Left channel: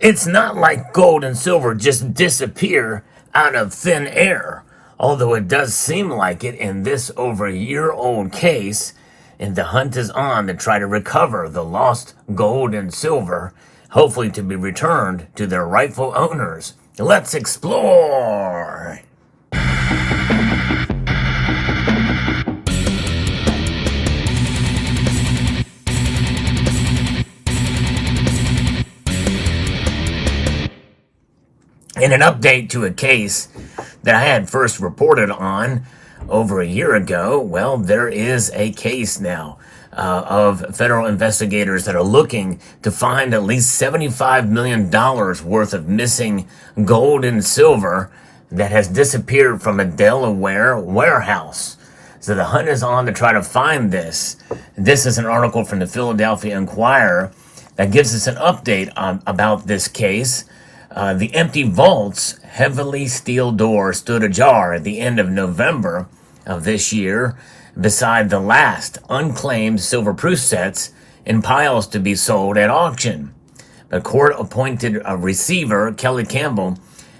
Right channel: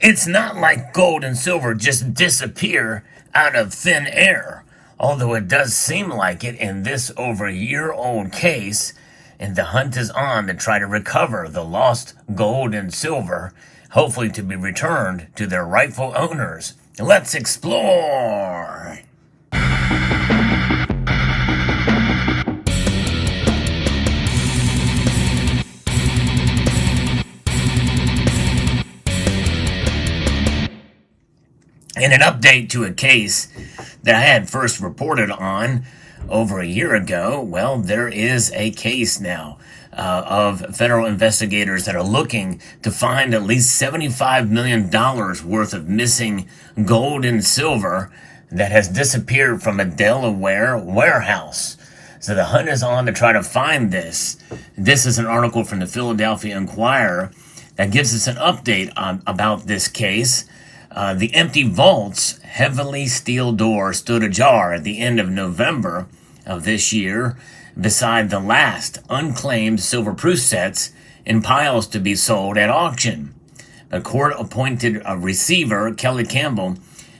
It's not like gold and silver just disappear out of thin air, although it does seem like it in this over a year-old case, and the hunt is on to try to recover the lost gold and silver, hopefully to be returned to their rightful owners. Let's explore! In an update to a case that I had first reported on over a year ago, well, there is a case now of federal investigators that are looking to find at least $75 million worth of missing gold and silver that has disappeared from a Delaware warehouse. So the hunt is on to try to find this. This is an article from the Philadelphia Inquirer that gives us an update about this case. The empty vault's heavily steel door stood ajar at the end of November of this year beside the last unclaimed silver-proof sets in piles to be sold at auction. The court-appointed receiver, Kelly Campbell,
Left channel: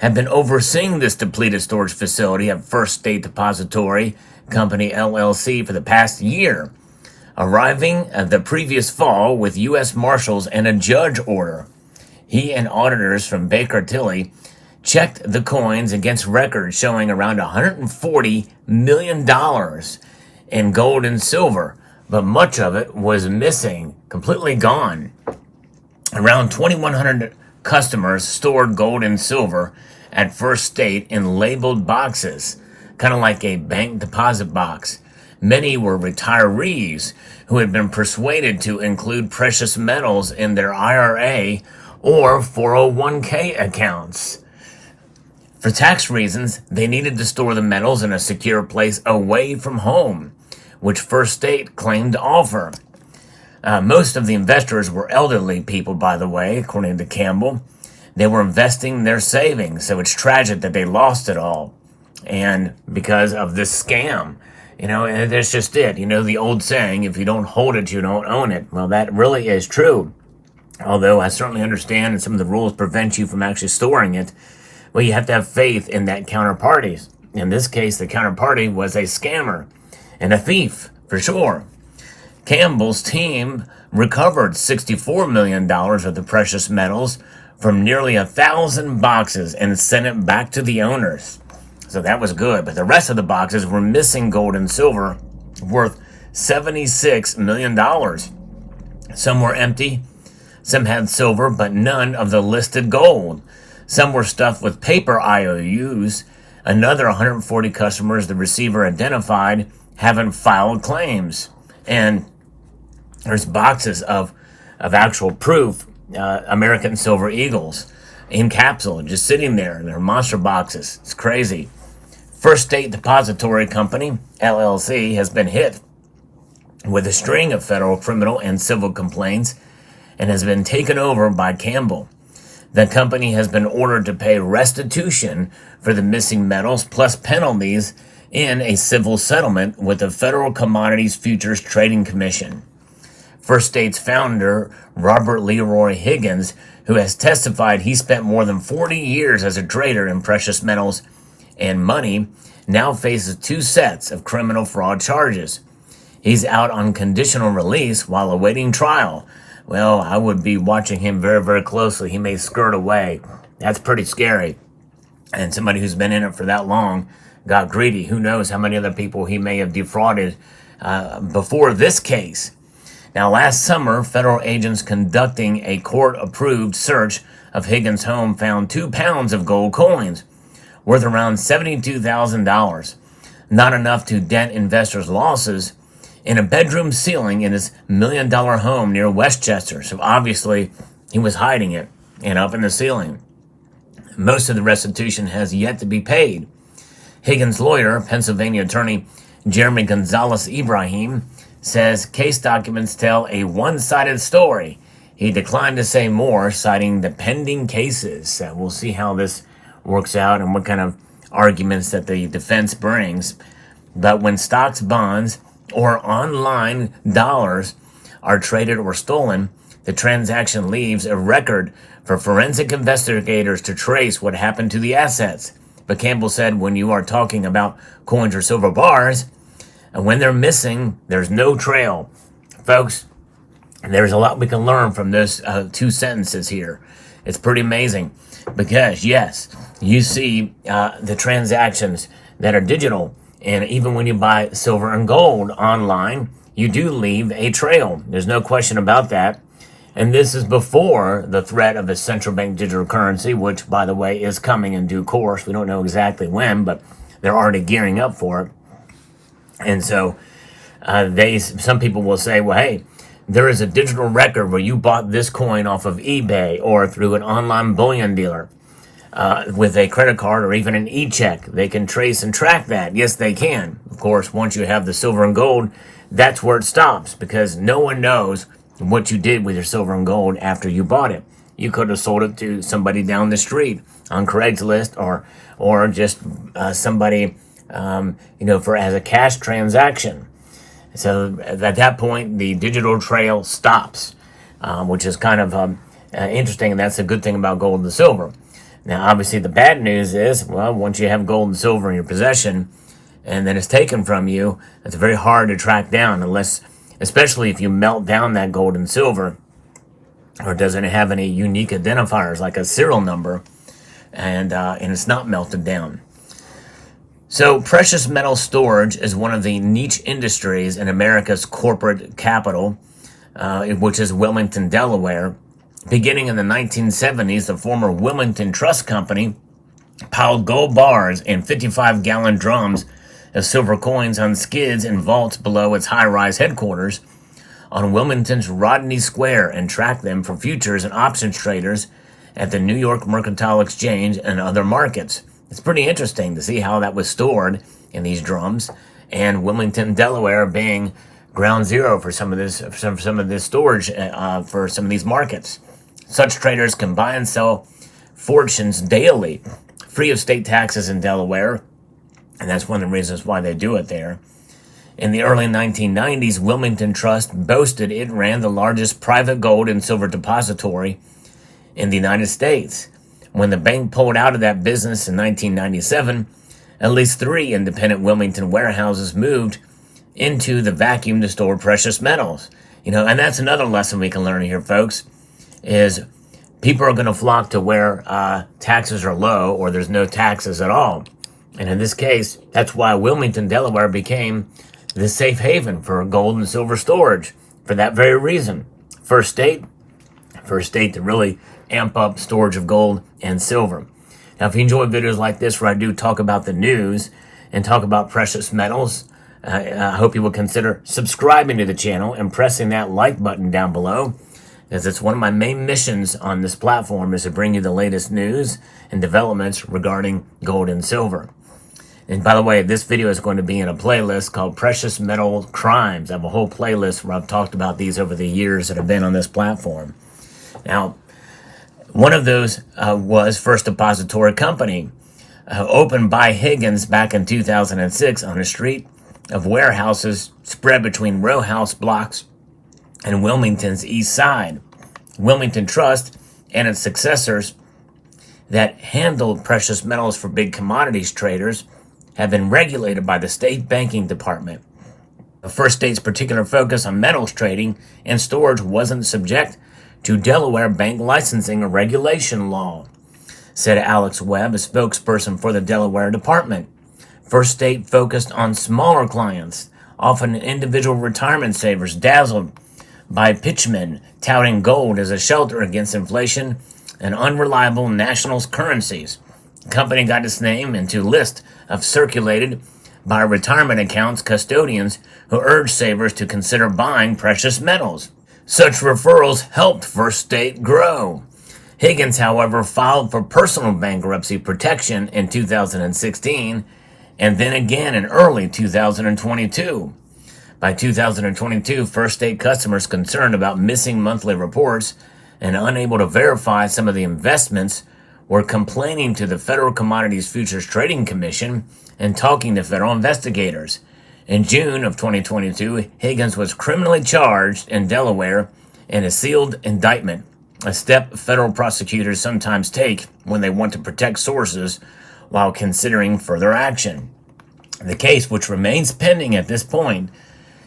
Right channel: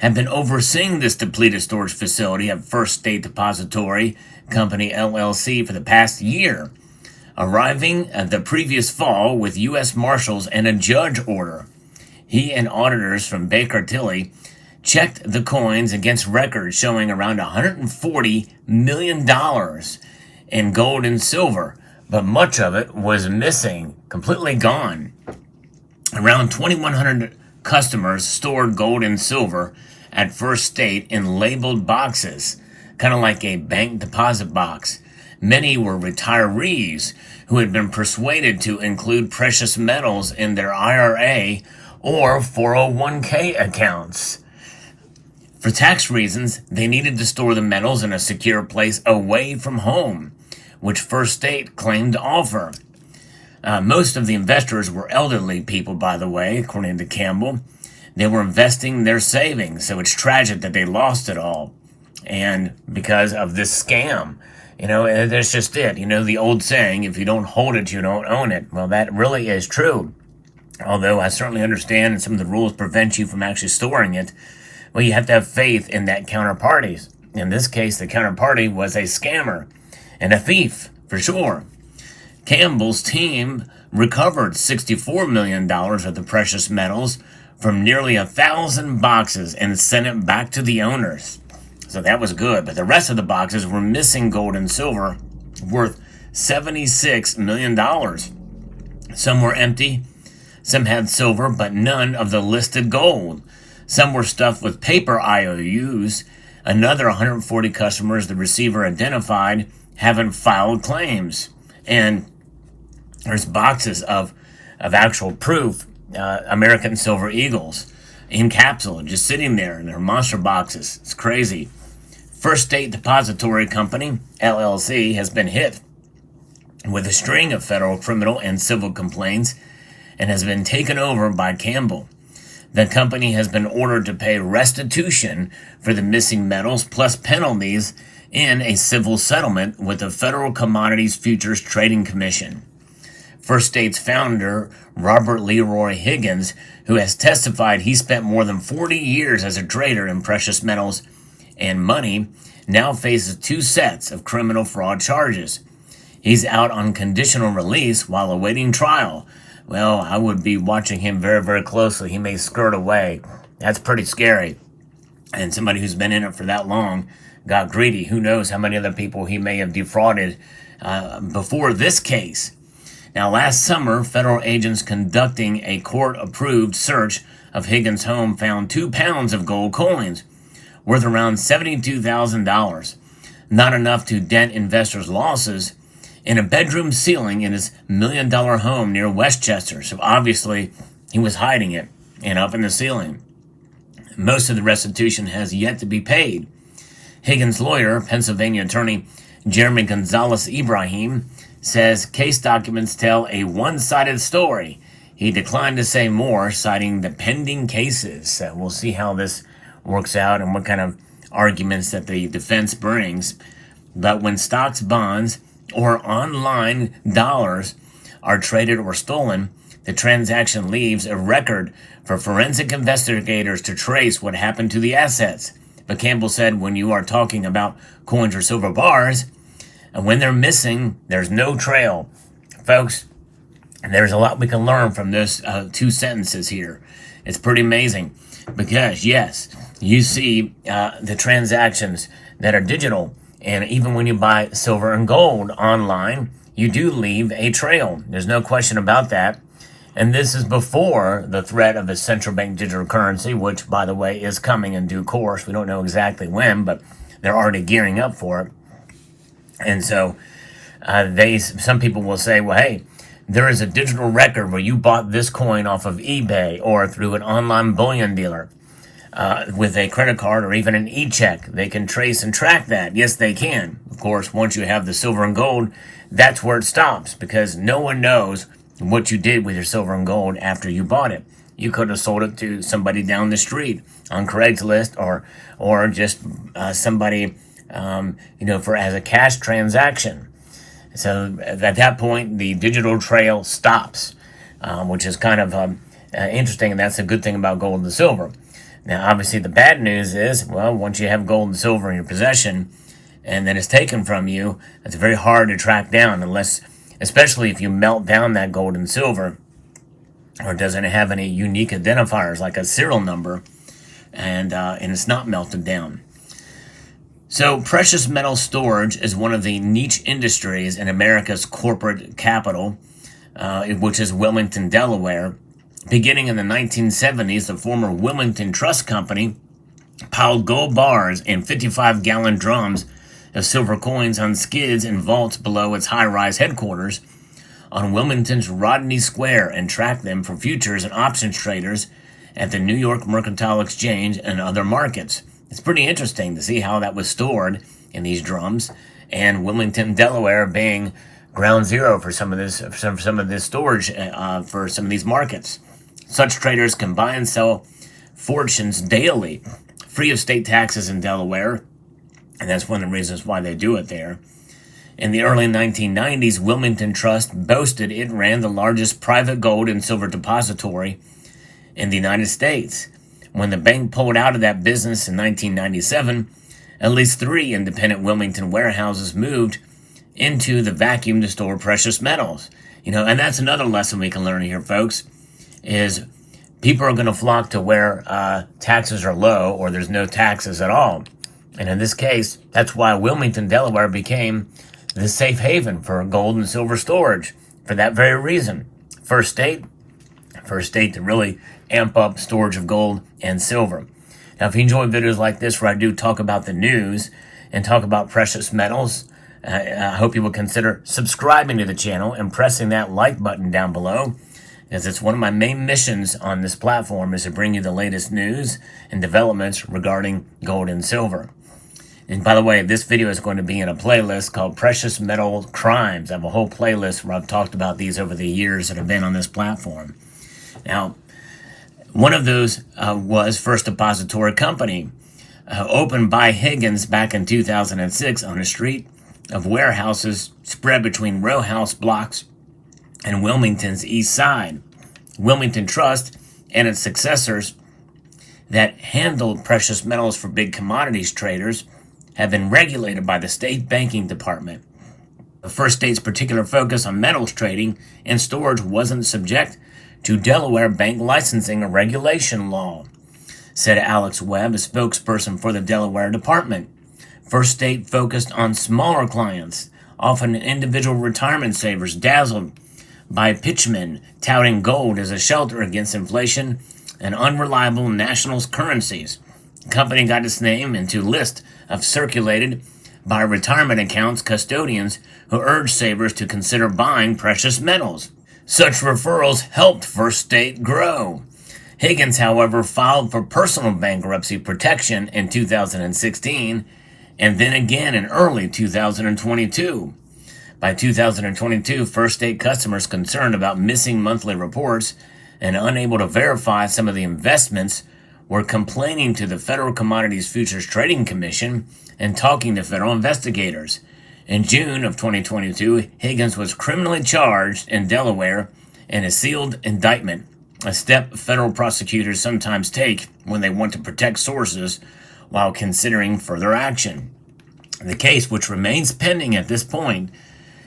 had been overseeing this depleted storage facility at First State Depository Company, LLC, for the past year, arriving the previous fall with U.S. Marshals and a judge order. He and auditors from Baker Tilly checked the coins against records showing around $140 million in gold and silver, but much of it was missing, completely gone. Around 2,100 customers stored gold and silver at First State in labeled boxes, kind of like a bank deposit box. Many were retirees who had been persuaded to include precious metals in their IRA or 401k accounts. For tax reasons, they needed to store the metals in a secure place away from home, which First State claimed to offer. Most of the investors were elderly people, by the way, according to Campbell. They were investing their savings, so it's tragic that they lost it all. And because of this scam, that's just it. The old saying, if you don't hold it, you don't own it. Well, that really is true. Although I certainly understand that some of the rules prevent you from actually storing it, well, you have to have faith in that counterparty. In this case, the counterparty was a scammer and a thief, for sure. Campbell's team recovered $64 million of the precious metals from nearly 1,000 boxes and sent it back to the owners. So that was good, but the rest of the boxes were missing gold and silver worth $76 million. Some were empty. Some had silver, but none of the listed gold. Some were stuffed with paper IOUs. Another 140 customers the receiver identified haven't filed claims. And there's boxes of actual proof, American Silver Eagles, in capsule, just sitting there. They're monster boxes. It's crazy. First State Depository Company, LLC, has been hit with a string of federal criminal and civil complaints and has been taken over by Campbell. The company has been ordered to pay restitution for the missing metals plus penalties in a civil settlement with the Federal Commodities Futures Trading Commission. First State's founder, Robert Leroy Higgins, who has testified he spent more than 40 years as a trader in precious metals and money, now faces 2 sets of criminal fraud charges. He's out on conditional release while awaiting trial. Well, I would be watching him very, very closely. He may skirt away. That's pretty scary. And somebody who's been in it for that long got greedy. Who knows how many other people he may have defrauded before this case. Now, last summer, federal agents conducting a court-approved search of Higgins' home found 2 pounds of gold coins worth around $72,000. Not enough to dent investors' losses, in a bedroom ceiling in his $1 million home near Westchester. So obviously he was hiding it and up in the ceiling. Most of the restitution has yet to be paid. Higgins' lawyer, Pennsylvania attorney Jeremy Gonzalez Ibrahim, says case documents tell a one-sided story. He declined to say more, citing the pending cases. We'll see how this works out and what kind of arguments that the defense brings. But when stocks, bonds, or online dollars are traded or stolen, The transaction leaves a record for forensic investigators to trace what happened to the assets. But Campbell said when you are talking about coins or silver bars, and when they're missing, there's no trail. Folks, there's a lot we can learn from those two sentences here. It's pretty amazing because, yes, you see the transactions that are digital. And even when you buy silver and gold online, you do leave a trail. There's no question about that. And this is before the threat of a central bank digital currency, which, by the way, is coming in due course. We don't know exactly when, but they're already gearing up for it. And so some people will say, well, hey, there is a digital record where you bought this coin off of eBay or through an online bullion dealer with a credit card or even an e-check. They can trace and track that. Yes, they can. Of course, once you have the silver and gold, that's where it stops because no one knows what you did with your silver and gold after you bought it. You could have sold it to somebody down the street on Craigslist or just somebody, as a cash transaction. So at that point, the digital trail stops, which is kind of interesting, and that's a good thing about gold and silver. Now, obviously, the bad news is, well, once you have gold and silver in your possession and then it's taken from you, it's very hard to track down especially if you melt down that gold and silver or doesn't have any unique identifiers like a serial number and it's not melted down. So precious metal storage is one of the niche industries in America's corporate capital, which is Wilmington, Delaware. Beginning in the 1970s, the former Wilmington Trust Company piled gold bars in 55-gallon drums of silver coins on skids in vaults below its high-rise headquarters on Wilmington's Rodney Square and tracked them for futures and options traders at the New York Mercantile Exchange and other markets. It's pretty interesting to see how that was stored in these drums, and Wilmington, Delaware being ground zero for some of this storage for some of these markets. Such traders can buy and sell fortunes daily, free of state taxes in Delaware, and that's one of the reasons why they do it there. In the early 1990s, Wilmington Trust boasted it ran the largest private gold and silver depository in the United States. When the bank pulled out of that business in 1997, at least 3 independent Wilmington warehouses moved into the vacuum to store precious metals. And that's another lesson we can learn here, folks, is people are going to flock to where taxes are low or there's no taxes at all. And in this case, that's why Wilmington, Delaware became the safe haven for gold and silver storage for that very reason. First state to really amp up storage of gold and silver. Now, if you enjoy videos like this where I do talk about the news and talk about precious metals, I hope you will consider subscribing to the channel and pressing that like button down below, as it's one of my main missions on this platform is to bring you the latest news and developments regarding gold and silver. And by the way, this video is going to be in a playlist called Precious Metal Crimes. I have a whole playlist where I've talked about these over the years that have been on this platform. Now, one of those was First Depository Company, opened by Higgins back in 2006 on a street of warehouses spread between row house blocks and Wilmington's east side. Wilmington Trust and its successors that handled precious metals for big commodities traders have been regulated by the state banking department. The first state's particular focus on metals trading and storage wasn't subject to Delaware bank licensing or regulation law, said Alex Webb, a spokesperson for the Delaware department. First State focused on smaller clients, often individual retirement savers dazzled by pitchmen touting gold as a shelter against inflation and unreliable national currencies. The company got its name into a list of circulated by retirement accounts custodians who urged savers to consider buying precious metals. Such referrals helped First State grow. Higgins, however, filed for personal bankruptcy protection in 2016 and then again in early 2022. By 2022, First State customers concerned about missing monthly reports and unable to verify some of the investments were complaining to the Federal Commodities Futures Trading Commission and talking to federal investigators. In June of 2022, Higgins was criminally charged in Delaware in a sealed indictment, a step federal prosecutors sometimes take when they want to protect sources while considering further action. The case, which remains pending at this point,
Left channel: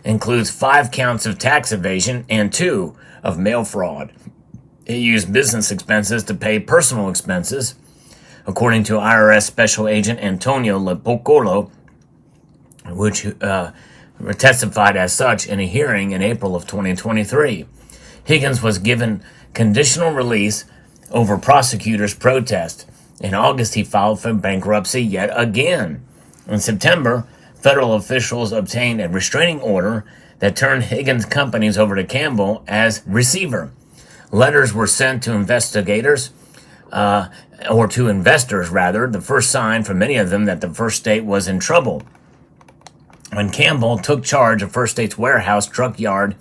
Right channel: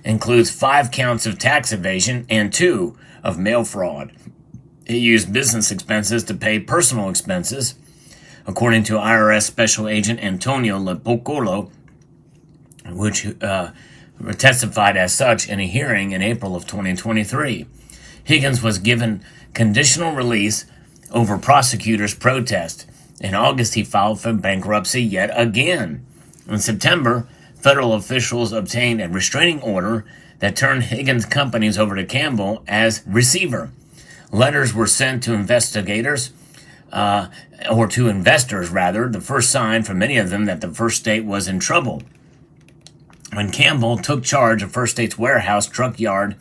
includes 5 counts of tax evasion and 2 of mail fraud. It used business expenses to pay personal expenses, according to IRS Special Agent Antonio Lepocolo, which testified as such in a hearing in April of 2023. Higgins was given conditional release over prosecutors' protest. In August, he filed for bankruptcy yet again. In September, federal officials obtained a restraining order that turned Higgins' companies over to Campbell as receiver. Letters were sent to investigators, or to investors rather, the first sign for many of them that the First State was in trouble. When Campbell took charge of First State's warehouse, truck yard,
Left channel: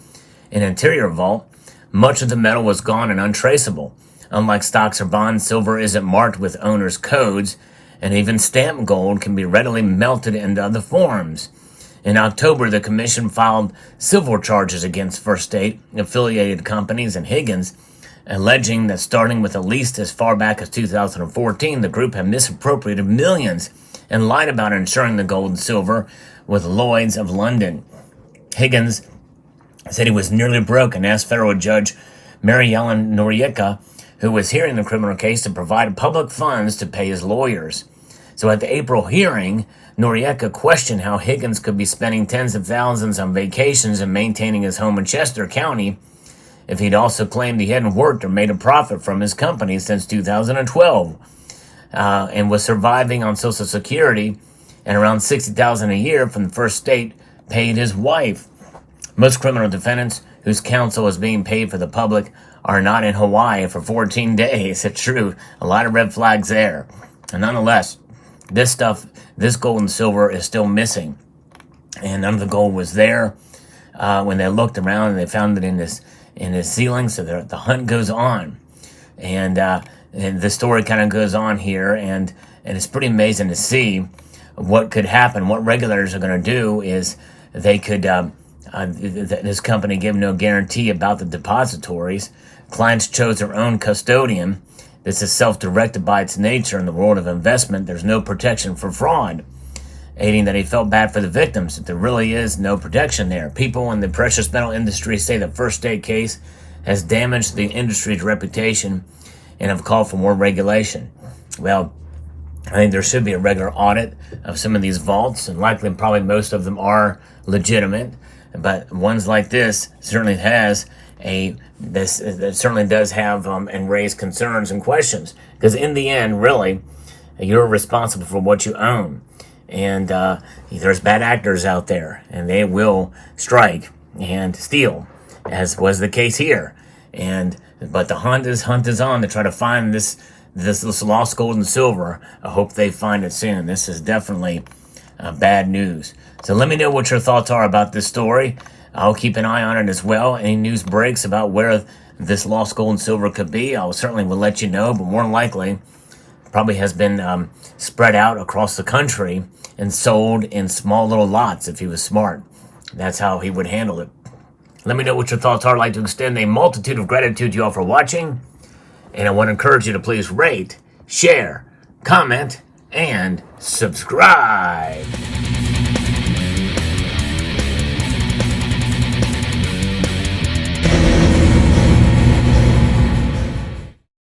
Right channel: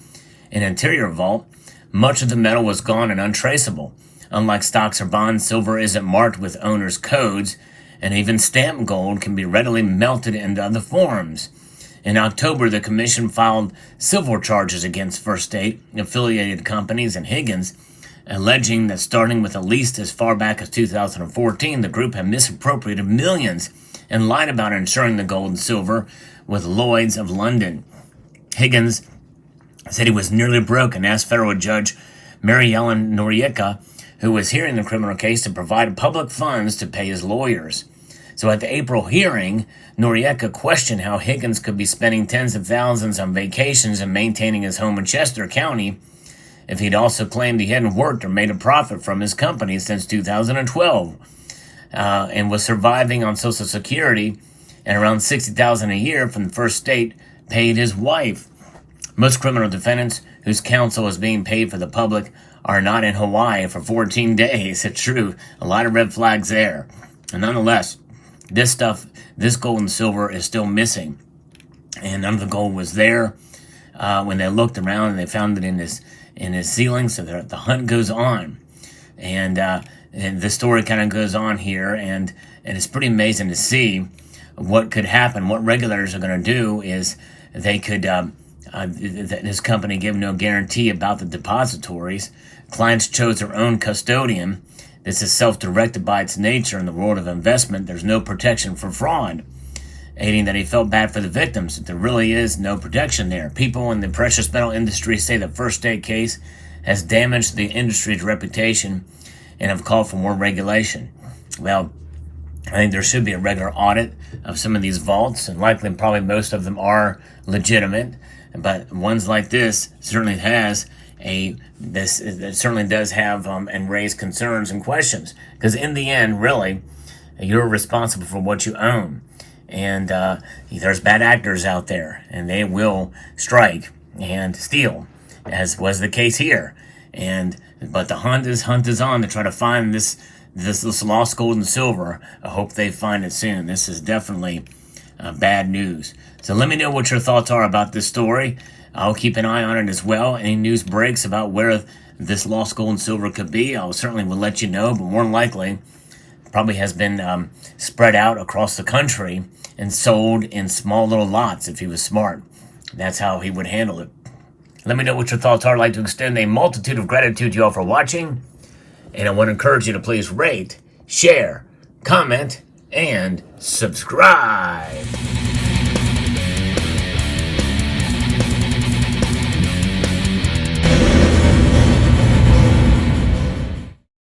and interior vault, much of the metal was gone and untraceable. Unlike stocks or bonds, silver isn't marked with owner's codes, and even stamped gold can be readily melted into other forms. In October, the commission filed civil charges against First State, affiliated companies, and Higgins, alleging that starting with at least as far back as 2014, the group had misappropriated millions and lied about insuring the gold and silver with Lloyd's of London. Higgins said he was nearly broke and asked federal judge Mary Ellen Noriega, who was hearing the criminal case, to provide public funds to pay his lawyers. So at the April hearing, Noriega questioned how Higgins could be spending tens of thousands on vacations and maintaining his home in Chester County if he'd also claimed he hadn't worked or made a profit from his company since 2012 and was surviving on Social Security and around $60,000 a year from the First State paid his wife. Most criminal defendants whose counsel is being paid for the public are not in Hawaii for 14 days. It's true. A lot of red flags there. And nonetheless, this gold and silver is still missing. And none of the gold was there when they looked around and they found it in his ceiling. So the hunt goes on. And the story kind of goes on here. And it's pretty amazing to see what could happen. What regulators are going to do is they could, this company gave no guarantee about the depositories. Clients chose their own custodian. This is self-directed by its nature in the world of investment. There's no protection for fraud, aiding that he felt bad for the victims. There really is no protection there. People in the precious metal industry say the First State case has damaged the industry's reputation and have called for more regulation. Well, I think there should be a regular audit of some of these vaults, and likely probably most of them are legitimate, but ones like this certainly has that certainly does have and raise concerns and questions, because in the end, really, you're responsible for what you own, and there's bad actors out there, and they will strike and steal, as was the case here. But the hunt is on to try to find this lost gold and silver. I hope they find it soon. This is definitely bad news. So let me know what your thoughts are about this story. I'll keep an eye on it as well. Any news breaks about where this lost gold and silver could be, I will certainly will let you know, but more than likely probably has been spread out across the country and sold in small little lots if he was smart. That's how he would handle it. Let me know what your thoughts are. I'd like to extend a multitude of gratitude to you all for watching, and I want to encourage you to please rate, share, comment, and subscribe.